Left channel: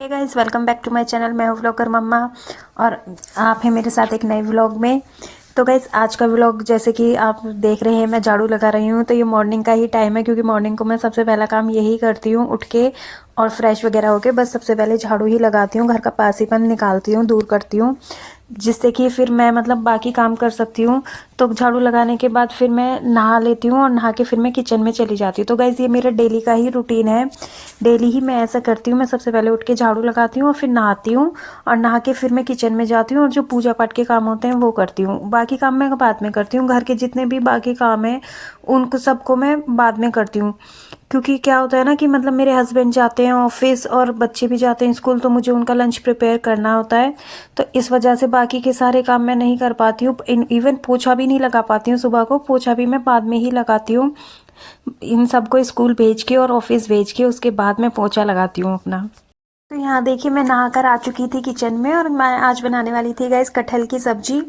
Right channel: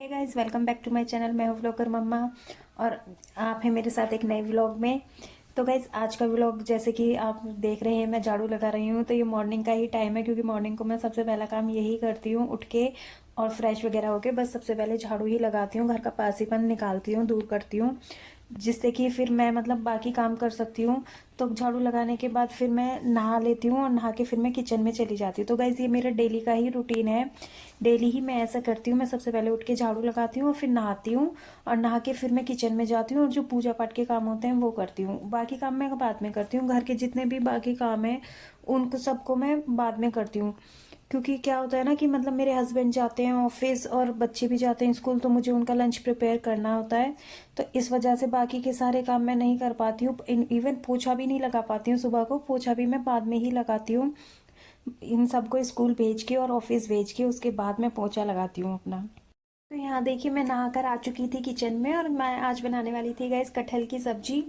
Hey guys, welcome back to my channel. मैं हूँ vlogger मम्मा और आप हैं मेरे साथ एक नए व्लॉग में। तो गाइस, आज का व्लॉग जैसे कि आप देख रहे हैं, मैं झाड़ू लगा रही हूँ। तो ये मॉर्निंग का ही टाइम है क्योंकि मॉर्निंग को मैं सबसे पहला काम यही करती हूँ, उठ के और फ्रेश वगैरह होके बस सबसे पहले झाड़ू ही लगाती हूँ, घर का पासीपन निकालती हूँ, दूर करती हूँ, जिससे कि फिर मैं मतलब बाकी काम कर सकती हूँ। तो झाड़ू लगाने के बाद फिर मैं नहा लेती हूँ और नहा के फिर मैं किचन में चली जाती हूँ। तो गाइज़, ये मेरा डेली का ही रूटीन है। डेली ही मैं ऐसा करती हूँ। मैं सबसे पहले उठ के झाड़ू लगाती हूँ और फिर नहाती हूँ और नहा के फिर मैं किचन में जाती हूँ और जो पूजा पाठ के काम होते हैं वो करती हूँ। बाकी काम मैं बाद में करती हूँ। घर के जितने भी बाकी काम हैं उनको सबको मैं बाद में करती हूँ, क्योंकि क्या होता है ना कि मतलब मेरे हस्बैंड जाते हैं ऑफिस और बच्चे भी जाते हैं स्कूल, तो मुझे उनका लंच प्रिपेयर करना होता है। तो इस वजह से बाकी के सारे काम मैं नहीं कर पाती हूँ। इवन पोछा भी नहीं लगा पाती हूँ। सुबह को पोछा भी मैं बाद में ही लगाती हूँ, इन सबको स्कूल भेज के और ऑफिस भेज के उसके बाद मैं पोछा लगाती हूँ अपना। तो यहाँ देखिए, मैं नहाकर आ चुकी थी किचन में और मैं आज बनाने वाली थी गाइस कटहल की सब्जी।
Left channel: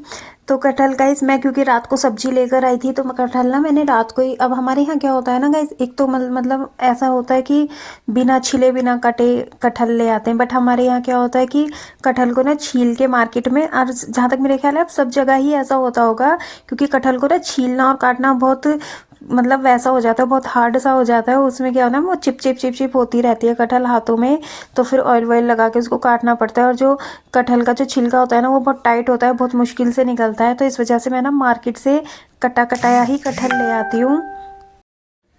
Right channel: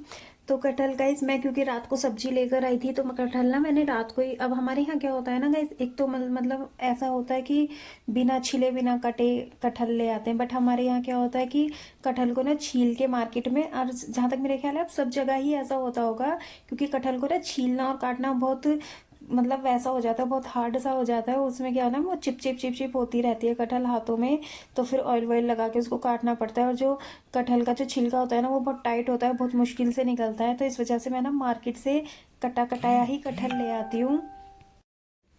तो कटहल गाइस, मैं क्योंकि रात को सब्जी लेकर आई थी तो कटहल ना मैंने रात को ही, अब हमारे यहाँ क्या होता है ना गाइस, एक तो मतलब ऐसा होता है कि बिना छिले बिना कटे कटहल ले आते हैं, बट हमारे यहाँ क्या होता है कि कटहल को ना छील के मार्केट में, और जहाँ तक मेरे ख्याल है अब सब जगह ही ऐसा होता होगा, क्योंकि कटहल को ना छीलना और काटना बहुत मतलब वैसा हो जाता है, बहुत हार्ड सा हो जाता है। उसमें क्या होता है, वो चिप चिप चिप चिप होती रहती है कटहल हाथों में। तो फिर ऑयल वॉयल लगा के उसको काटना पड़ता है और जो कटहल का जो छिलका होता है ना वो बहुत टाइट होता है, बहुत मुश्किल से निकलता है। तो इस वजह से मैं ना मार्केट से कटा कटाया ही कटहल ले आती हूँ।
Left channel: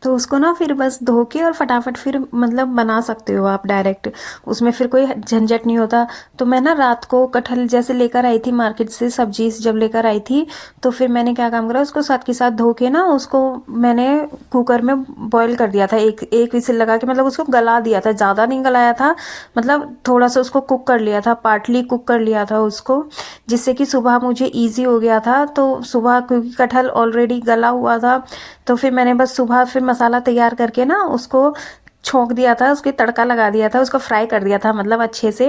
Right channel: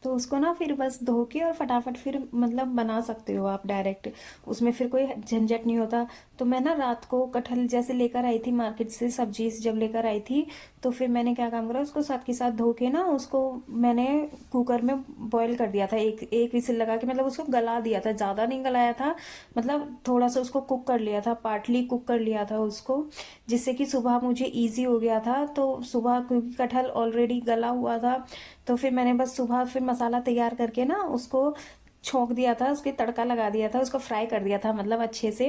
तो उसको ना फिर बस धो के और फटाफट फिर मतलब बना सकते हो आप डायरेक्ट, उसमें फिर कोई झंझट नहीं होता। तो मैं ना रात को कटहल जैसे लेकर आई थी मार्केट से, सब्जी जब लेकर आई थी, तो फिर मैंने क्या काम करा, उसको साथ के साथ धो के ना उसको मैंने कुकर में बॉईल कर दिया था, एक एक विसिल लगा के, मतलब उसको गला दिया था, ज़्यादा नहीं गलाया था, मतलब थोड़ा सा उसको कुक कर लिया था, पार्टली कुक कर लिया था उसको, जिससे कि सुबह मुझे ईजी हो गया था। तो सुबह क्योंकि कटहल ऑलरेडी गला हुआ था, तो फिर मैंने बस सुबह फिर मसाला तैयार करके ना उसको छोंक दिया था, उसके तड़का लगा दिया था, उसको फ्राई कर दिया था मतलब अच्छे से।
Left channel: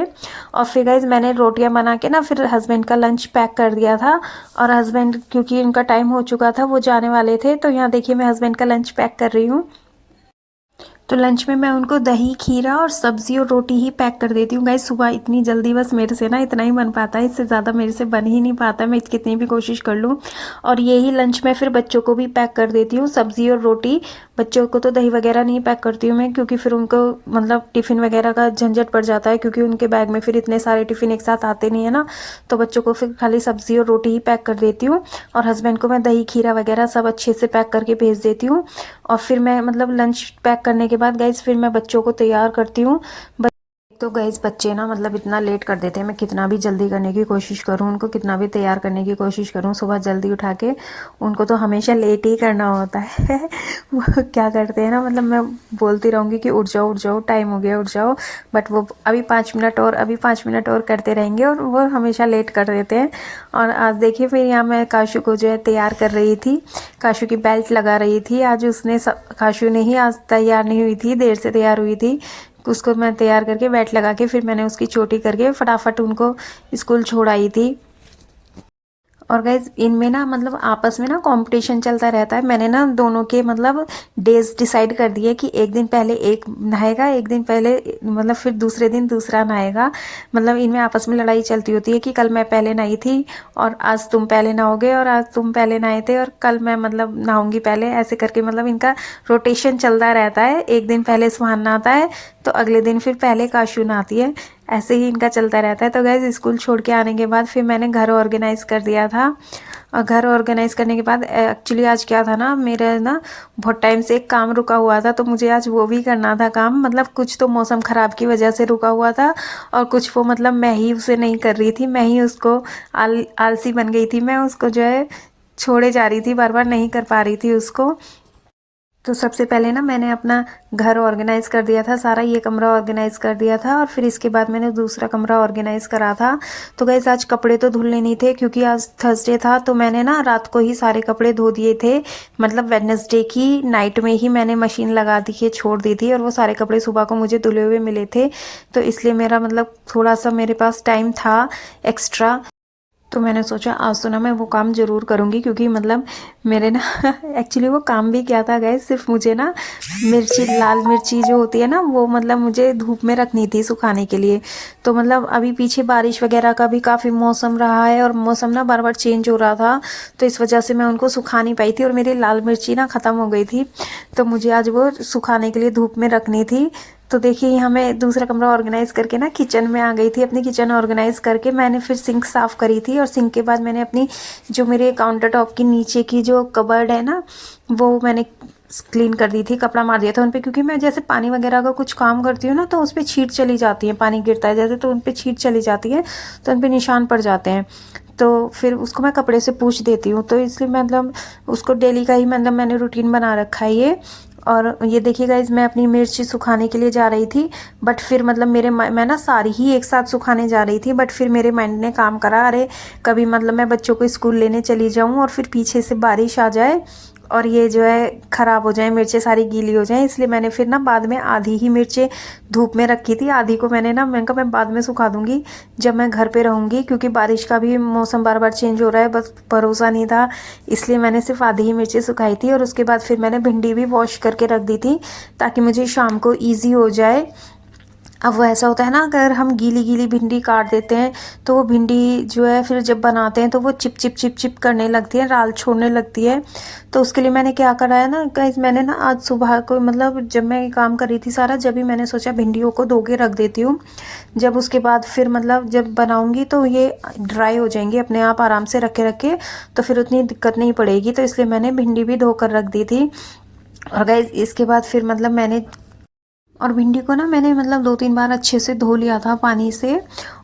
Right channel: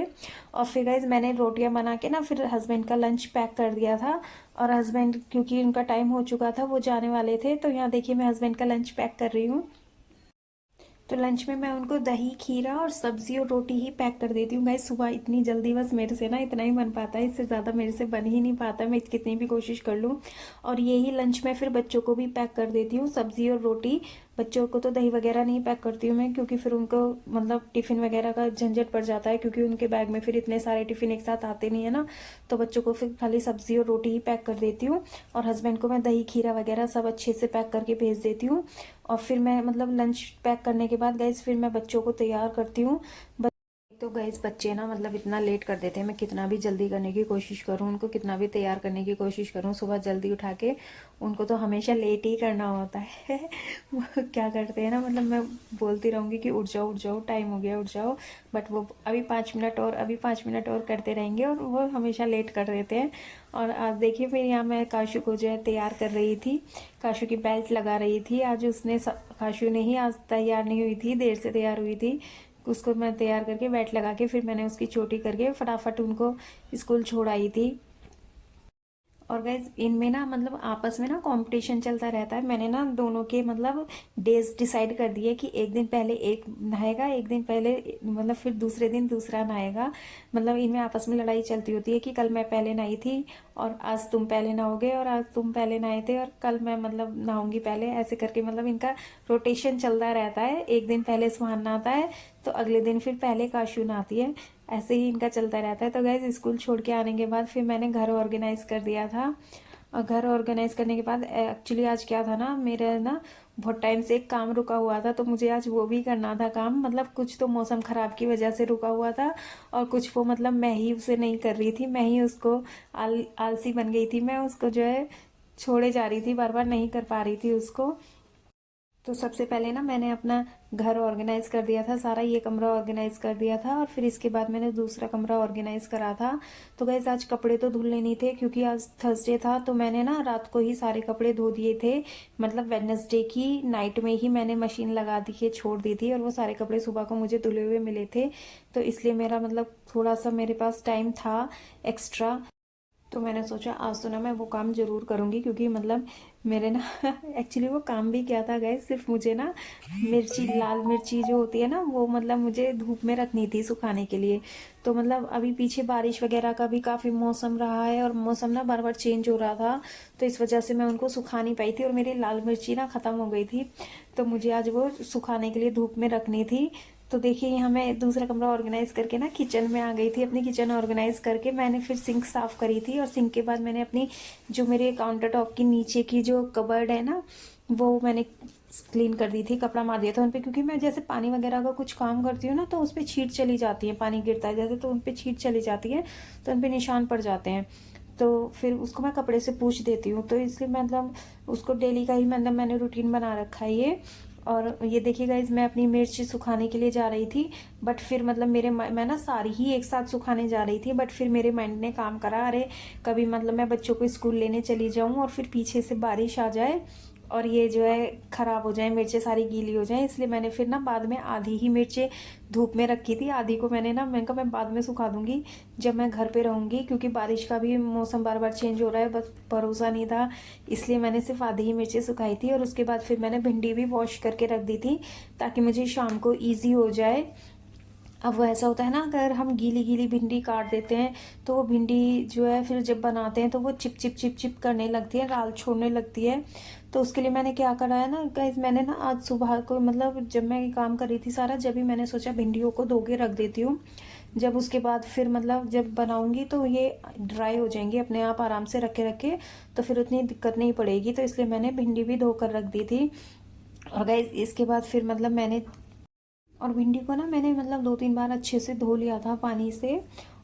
और फिर गाइज, मैंने रोटियां बना के ना फिर हस्बैंड का लंच पैक कर दिया था। और हस्बैंड क्योंकि उनका टाइम हो चुका था, वो जाने वाले थे, तो यहाँ देखिए मैं हस्बैंड का लंच पैक कर रही हूँ। तो लंच में मैं उनको दही खीरा और सब्जी और रोटी ही पैक कर देती हूँ गाइस। सुबह इतनी जल्दी बस मेरे से ना इतना ही बन पाता है, इससे ज़्यादा मेरे से बन ही नहीं पाता, मैं कितनी भी कोशिश कर लूँ। और यही लंच मैं फिर बच्चों को भी पैक कर देती हूँ, सब्जी और रोटी। बच्चों को तो दही वगैरह नहीं पैक करती हूँ मैं, क्योंकि फिर उनको मतलब टिफ़िन वगैरह का झंझट पड़ जाता है, क्योंकि उनके बैग में फिर इतने सारे टिफ़िन एक साथ आते नहीं है ना। तो बच्चों को फिर खाली सब्जी और रोटी ही पैक कर देती हूँ और हस्बैंड को मैं दही खीरा वगैरह सब अच्छे से पैक करके भेज देती हूँ। और फिर मैं मतलब लंच पैक करने के बाद गाइज फिर मैं बच्चों को तैयार करती हूँ। तो गाइज, बच्चे ना मतलब इतना लेट कर देते हैं, मैं कितना भी जल्दी करने की कोशिश करूँ, उनको कितना भी तैयार करने की कोशिश करूँ सुबह जल्दी उठा के, उनको तो हमेशा लेट ही करना होता है। वो क्या करते हैं ना, मतलब मैं बोलती रहूँगी कि उठ जाओ टाइम हो गया उठ जाओ, बट वो अभी 5 मिनट और अभी 5 मिनट और करते रहेंगे और वो हमेशा लेट कर देते हैं। और आज देखिए फिर यहाँ मैं काशू को जो है तैयार कर रही थी, काशू की बेल्ट लगा रही थी। आज उसने काशू ने ही आज तैयार नहीं हुई थी, देर से तैयार हुई थी। उसको मैं तैयार करके बेल्ट लगा के फिर मैंने उसकी चोटी करके फटाफट उनको स्कूल छोड़ आई थी। और गाइज, इनमें ना मतलब आपस में ना कंपटीशन चलता रहता है। मैंने ना दोनों के मतलब डेज डिसाइड कर दिए कि एक दिन पहले एक नहाएगा, एक दिन पहले मतलब फिर दूसरे दिन दूसरा नहाएगा। मतलब इनमें आपस में लड़ाई चलती होती है कि कल मैं पहले नहाई थी और आज तुम पहले नहाओगे, और आज तुम पहले नहाए थे और कल मैं मतलब नहाऊंगी पहले, ऐसे करके मतलब इनका रोटेशन चलता रहता है। एक दिन पहले सुहान नहाता है तो अगले दिन फिर पहले काशू नहाती है, ऐसे ही इनका चलता रहता है। तो गैस, स्कूल छोड़ के आने के बाद फिर मैंने घर ऑर्गेनाइज़ कर दिया था। और घर ऑर्गेनाइज़ करने के बाद एक्चुअली आज क्या था ना, मेरा ना बहुत टाइम से एक काम रुका हुआ था, तो मुझे आज वो भी करना था काम। मतलब कुछ तो मौसम ख़राब की वजह से रुका हुआ था और कुछ वो मतलब मैं ही उसे नहीं कर रही थी, मैं ही उसको आलसी बन गई थी, मैं उसको जो है छोड़े जा रही थी, बार बार नहीं कर पा रही थी उसको। तो सबसे पहले ना मैंने अपना घर ऑर्गेनाइज कर दिया था, सारा ये कमरा ऑर्गेनाइज कर दिया था और फिर इसके बाद मैंने दूसरा कमरा ऑर्गेनाइज करा था। तो गैस, आज कपड़े तो धुलने नहीं थे क्योंकि आज थर्सडे था, तो मैंने ना रात को ही सारे कपड़े धो दिए थे। मतलब वेडनेसडे की नाइट में ही मैंने मशीन लगा दी के छोड़ दी थी और वो सारे कपड़े सुबह को मुझे धुले हुए मिले थे। तो इसलिए मेरा मतलब थोड़ा सा मेरे पास टाइम था एक्स्ट्रा। तो मैंने सोचा आज तो ना मैं वो काम ज़रूर करूँगी, क्योंकि मतलब मेरे ना एक्चुअली वो काम भी क्या था गाइस, सिर्फ मुझे ना मिर्ची, लाल मिर्ची जो होती है ना, वो मतलब मुझे धूप में रखनी थी सुखाने के लिए। तो मतलब अभी पीछे बारिश वगैरह का भी काफ़ी मौसम रहा है और मौसम ना बार बार चेंज हो रहा था, तो इस वजह से मैं उनको सुखा नहीं पाई थी और मेरी लाल मिर्ची ना ख़त्म हो गई थी। तो मुझे आज वो सुखाने के लिए धूप में रखनी थी। तो देखिए यहाँ मैं दूसरा कमरा ऑर्गेनाइज़ करके ना किचन में आ गई थी। अपनी किचन ऑर्गेनाइज़ करके मैंने फिर सिंक साफ़ करी थी, और सिंक के बाद मैंने अपनी जो मेरे काउंटर टॉप की नीचे की जो कबर्ड है ना, वो मैंने क्लीन कर दी थी, कपड़ा मार दिया था उन पे, क्योंकि मैं जैसे पानी वगैरह का कुछ काम करती हूँ ना, तो उस पर छींट चली जाती है, पानी गिरता है जैसे तो उन पर छींट चली जाती है, तो उन पर निशान पड़ जाते हैं। तो फिर उसको मैं कपड़े से पूछ देती हूँ, तो इसलिए मतलब उसको डेली का ही मतलब मैंने रूटीन बना रखा है ये। और ये देखिए गाइज, मैं अपनी मिर्ची सुखाने के लिए जा रही थी, बट फिर मतलब मैं ना सारी ही एक साथ सुखाने जा रही थी, बट फिर मेरे माइंड ने काम करा, अरे कभी मतलब मैं बच्चों को स्कूल लेने चली जाऊँ और फिर पीछे से बारिश आ जाए और ये जो है ख़राब हो जाए, मिर्चें सारी गीली हो जाएं, इसलिए मैंने फिर ना बाद में आधी ही मिर्चें धूप में रखी थी, आधी को मैंने कहा मैं बाद में सुखा दूंगी जब मैं घर पे रहूँगी, क्योंकि बारिश का भी मौसम बार बार चेंज हो रहा है, बस भरोसा नहीं था, इसलिए मैंने सिर्फ आधी ही मिर्चें सुखाई थी। और उसके बाद फिर मैंने भिंडी भी वॉश करके रख दी थी, ताकि मुझे शाम को ईजी हो जाए। अब वो ऐसा होता है ना, अगर हम गीली गीली भिंडी काट देते हैं तो वो भिंडी जो है फिर जब बनाते हैं तो वो चिप चिप चिप चिप करने लगती है, राल छोड़ने लगती है। तो उसके लिए मैंने क्या करा है ना गाइस, मैंने ना आज सुबह को मतलब जब मैं ये काम कर रही थी सारा, जब भी मैंने सोचा भिंडियों को धो के रख देती हूँ, जब उसके बाद फिर मतलब जब बनाऊंगी तो ये ड्राई हो जाएंगी अपने आप आराम से रखे रखे, तो फिर उतनी दिक्कत नहीं पड़ेगी, तो इसलिए मैंने भिंडी भी धो कर रख दी थी। और गाइस इसके बाद फिर मतलब मैंने और भिंडी को ना मैंने मतलब 2-3 बार अच्छे से धो लिया था पानी से,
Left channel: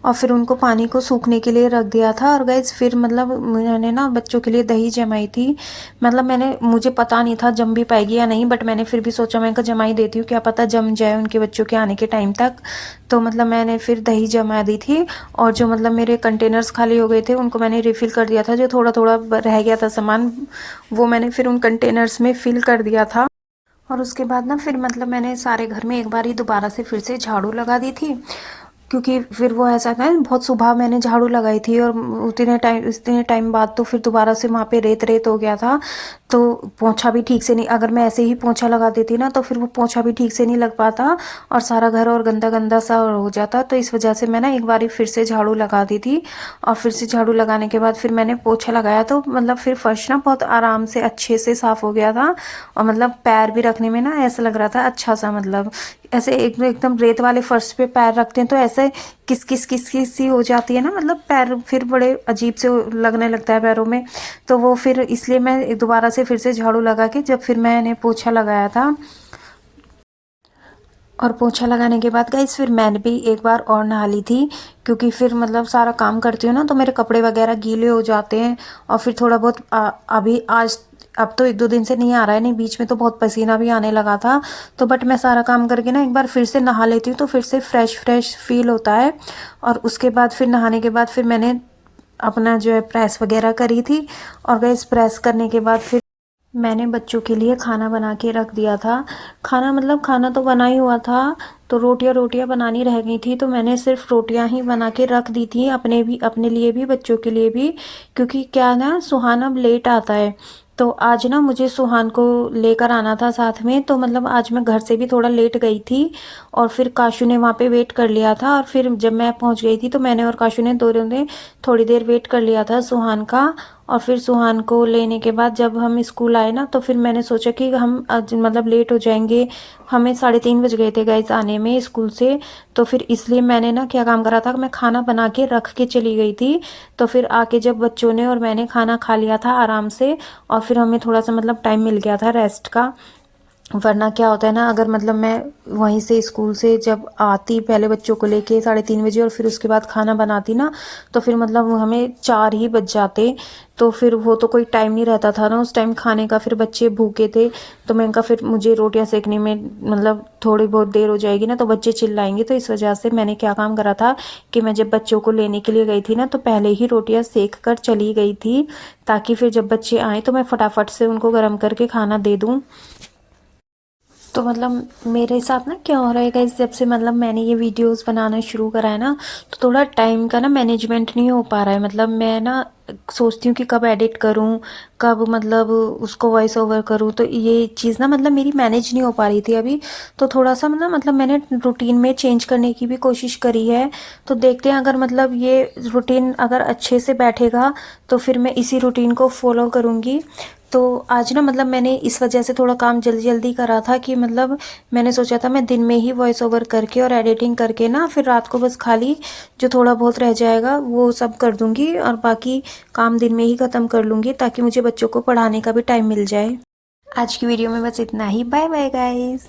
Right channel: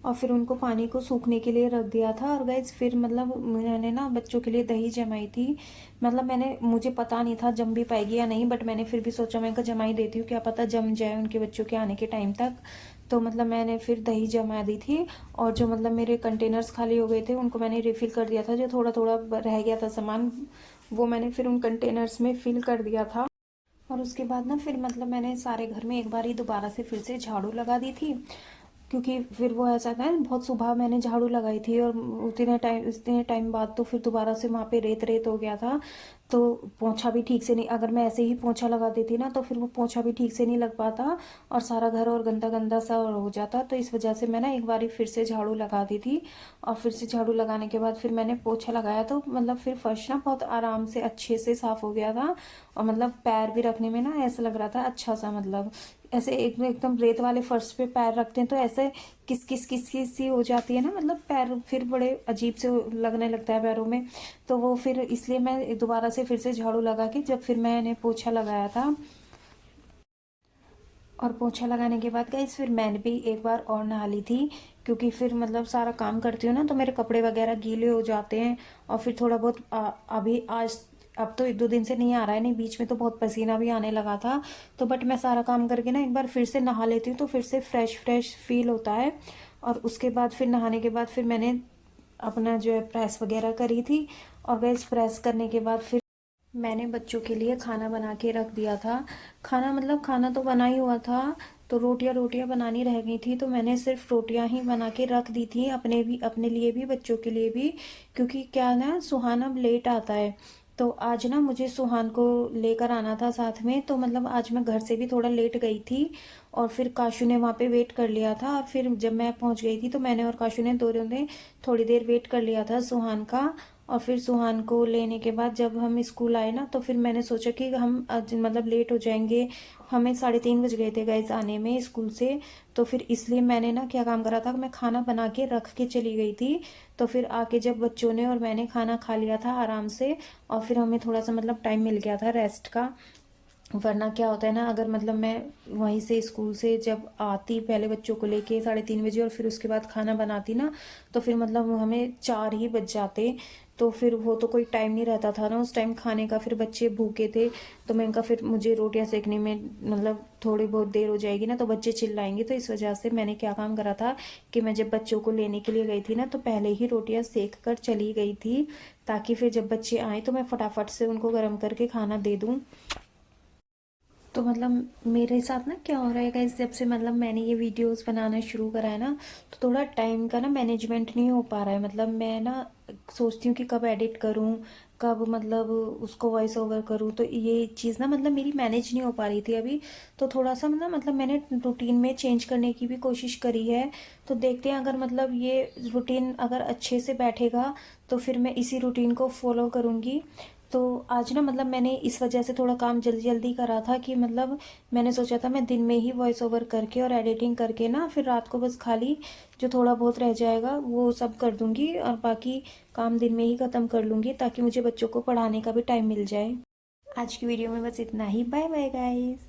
और फिर उनको पानी को सूखने के लिए रख दिया था। और गाइस फिर मतलब मैंने ना बच्चों के लिए दही जमाई थी, मतलब मुझे पता नहीं था जम भी पाएगी या नहीं, बट मैंने फिर भी सोचा मैं जमा ही देती हूँ, क्या पता जम जाए उनके बच्चों के आने के टाइम तक। तो मतलब मैंने फिर दही जमा दी थी, और जो मतलब मेरे कंटेनर्स खाली हो गए थे उनको मैंने रिफ़िल कर दिया था, जो थोड़ा थोड़ा रह गया था सामान वो मैंने फिर उन कंटेनर्स में फिल कर दिया था। और उसके बाद ना फिर मतलब मैंने सारे घर में एक बार ही दोबारा से फिर से झाड़ू लगा दी थी, क्योंकि फिर वो ऐसा था बहुत सुबह मैंने झाड़ू लगाई थी, और उतने टाइम बाद तो फिर दोबारा से वहाँ पे रेत रेत हो गया था, तो पोंछा भी ठीक से नहीं, अगर मैं ऐसे ही पोंछा लगा देती ना तो फिर वो पोंछा भी ठीक से नहीं लग पाता और सारा घर और गंदा गंदा सा हो जाता। तो इस वजह से मैं ना एक बार फिर से झाड़ू लगा दी थी, और फिर से झाड़ू लगाने के बाद फिर मैंने पोछा लगाया, तो मतलब फिर फर्श ना बहुत आराम से अच्छे से साफ़ हो गया था, और मतलब पैर भी रखने में ना ऐसा लग रहा था अच्छा सा, मतलब ऐसे एकदम रेत वाले फर्श पे पैर रखते हैं तो ऐसे किस किस किस किस सी हो जाती है ना, मतलब पैर फिर बड़े अजीब से लगने लगता है पैरों में। तो वो फिर इसलिए मैं दोबारा से फिर से झाड़ू लगा के जब फिर मैंने पोछा लगाया था, और पोछा लगाने के बाद गाइस फिर मैंने भी एक बार और नहा ली थी, क्योंकि फिर मतलब सारा काम करती हूँ ना तो मेरे कपड़े वगैरह गीले हो जाते हैं, और फिर थोड़ा बहुत अभी आज अब तो 1-2 दिन से नहीं आ रहा है, नहीं बीच में तो बहुत पसीना भी आने लगा था, तो बट मैं सारा काम करके ना एक बार फिर से नहा लेती हूँ तो फिर से फ्रेश फ्रेश फील होता है। और उसके बाद फिर नहाने के बाद फिर मैंने अपना जो है प्रेस वगैरह करी थी, और गैस प्रेस करने के बाद फिर मैंने बच्चों के लिए खाना बना के रख दिया था। खाना मतलब खाना तो बना ही हुआ था, तो रोटियां रोटियां बनानी रह गई थी, तो मैंने सिर्फ रोटियां ही बना के रख दी थी, अपने लिए भी बच्चों के लिए भी, क्योंकि क्या ना सुहान अब लेट आता है, तो आज ना मुझे सुहान को लेकर आना था साथ में, तो मतलब आज मैं घर से भी थोड़ा लेट गई थी, और फिर काशू ने वहाँ पे वेट कर लिया था, और फिर जब मैं पहुँच गई थी तो मैंने और काशू ने दोनों ने थोड़ी देर वेट कर लिया था सुहान का। और फिर सुहान को लेने के बाद जब हम स्कूल आए ना तो फिर मैंने सोचा कि हम आज मतलब लेट हो जाएंगे, हमें 3:30 बज गए थे गाइस आने में स्कूल से, तो फिर इसलिए मैंने ना क्या काम करा था, मैं खाना बना के रख के चली गई थी। तो फिर आके जब बच्चों ने और मैंने खाना खा लिया था आराम से, और फिर हमें थोड़ा सा मतलब टाइम मिल गया था रेस्ट का। वरना क्या होता है ना, अगर मतलब मैं वहीं से स्कूल से जब आती पहले बच्चों को लेके 3:30 बजे, और फिर उसके बाद खाना बनाती ना, तो फिर मतलब हमें 4 ही बज जाते, तो फिर वो तो कोई टाइम नहीं रहता था ना उस टाइम खाने का, फिर बच्चे भूखे थे, तो मैंने कहा फिर मुझे रोटियां सेकने में मतलब थोड़ी बहुत देर हो जाएगी ना तो बच्चे चिल्लाएंगे, तो इस वजह से मैंने क्या काम करा था कि मैं जब बच्चों को लेने के लिए गई थी ना तो पहले ही रोटियां सेक कर चली गई थी, ताकि फिर जब बच्चे आए तो मैं फटाफट से उनको गर्म करके खाना दे दूँ। तो मतलब मेरे साथ ना क्या हो रहा है गाइस, जब से मतलब मैंने ये वीडियोस बनाना शुरू करा है ना, तो थोड़ा टाइम का ना मैनेजमेंट नहीं हो पा रहा है। मतलब मैं ना सोचती हूँ कि कब एडिट करूँ, कब मतलब उसको वॉइस ओवर करूँ, तो ये चीज़ ना मतलब मेरी मैनेज नहीं हो पा रही थी अभी। तो थोड़ा सा ना मतलब मैंने रूटीन में चेंज करने की भी कोशिश करी है। तो देखते हैं, अगर मतलब ये रूटीन अगर अच्छे से बैठेगा तो फिर मैं इसी रूटीन को फॉलो करूँगी। तो आज ना मतलब मैंने इस वजह से थोड़ा काम जल्दी जल्दी करा था कि मतलब मैंने सोचा था मैं दिन में ही वॉइस ओवर करके और एडिटिंग करके ना फिर रात को बस खाली जो थोड़ा बहुत रह जाएगा वो सब कर दूंगी, और बाकी काम दिन में ही ख़त्म कर लूँगी ताकि मुझे बच्चों को पढ़ाने का भी टाइम मिल जाए। आज की वीडियो में बस इतना ही। Bye bye guys.